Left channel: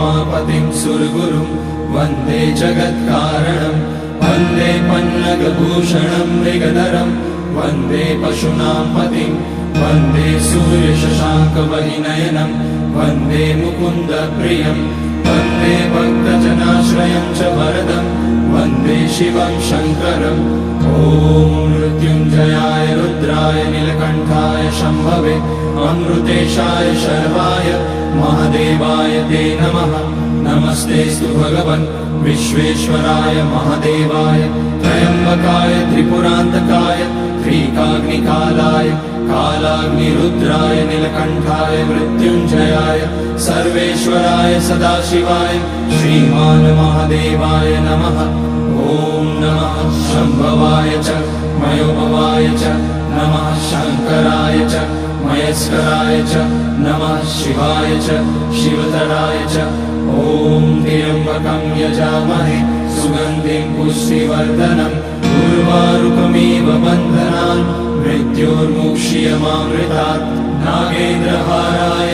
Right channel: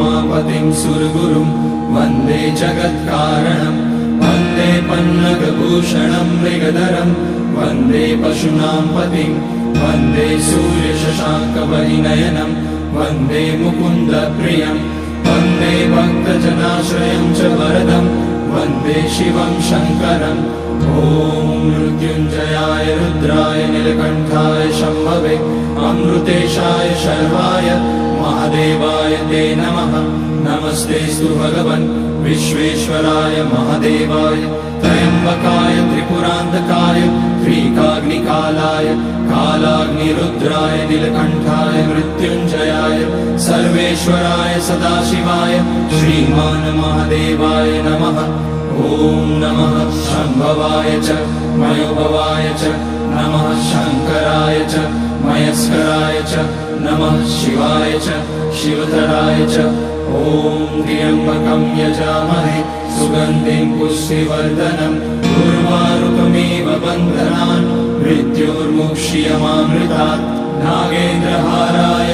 उमापतिं सुरगुरुं वन्दे जगत्कारणं वन्दे पन्नगभूषणं मृगधरं वन्दे पशूनां पतिं वन्दे सूर्यशशाङ्कवलिनयनं वन्दे मुकुन्दप्रियं वन्दे भक्तजनाश्रयं च वरदं वन्दे शिवं शङ्करम् ॐ मृत्युञ्जयाय रुद्राय नीलकण्ठाय शम्भवे अमृतेशाय शर्वाय महादेवाय ते नमः। नमस्तेऽस्तु भगवन् विश्वेश्वराय महादेवाय त्र्यम्बकाय त्रिपुरान्तकाय त्रिकाग्निकालाय कालाग्निरुद्राय नीलकण्ठाय मृत्युञ्जयाय सर्वेश्वराय सदाशिवाय श्रीमान् महादेवाय नमः। ॐ नमः शम्भवाय च मयोभवाय च नमः शङ्कराय च मयस्कराय च नमः शिवाय च शिवतराय च ॐ त्र्यम्बकं यजामहे सुगन्धिं पुष्टिवर्धनम् उर्वारुकमिव बन्धनान् मृत्योर्मुक्ष्यमामृतात् नागेन्द्रहाराय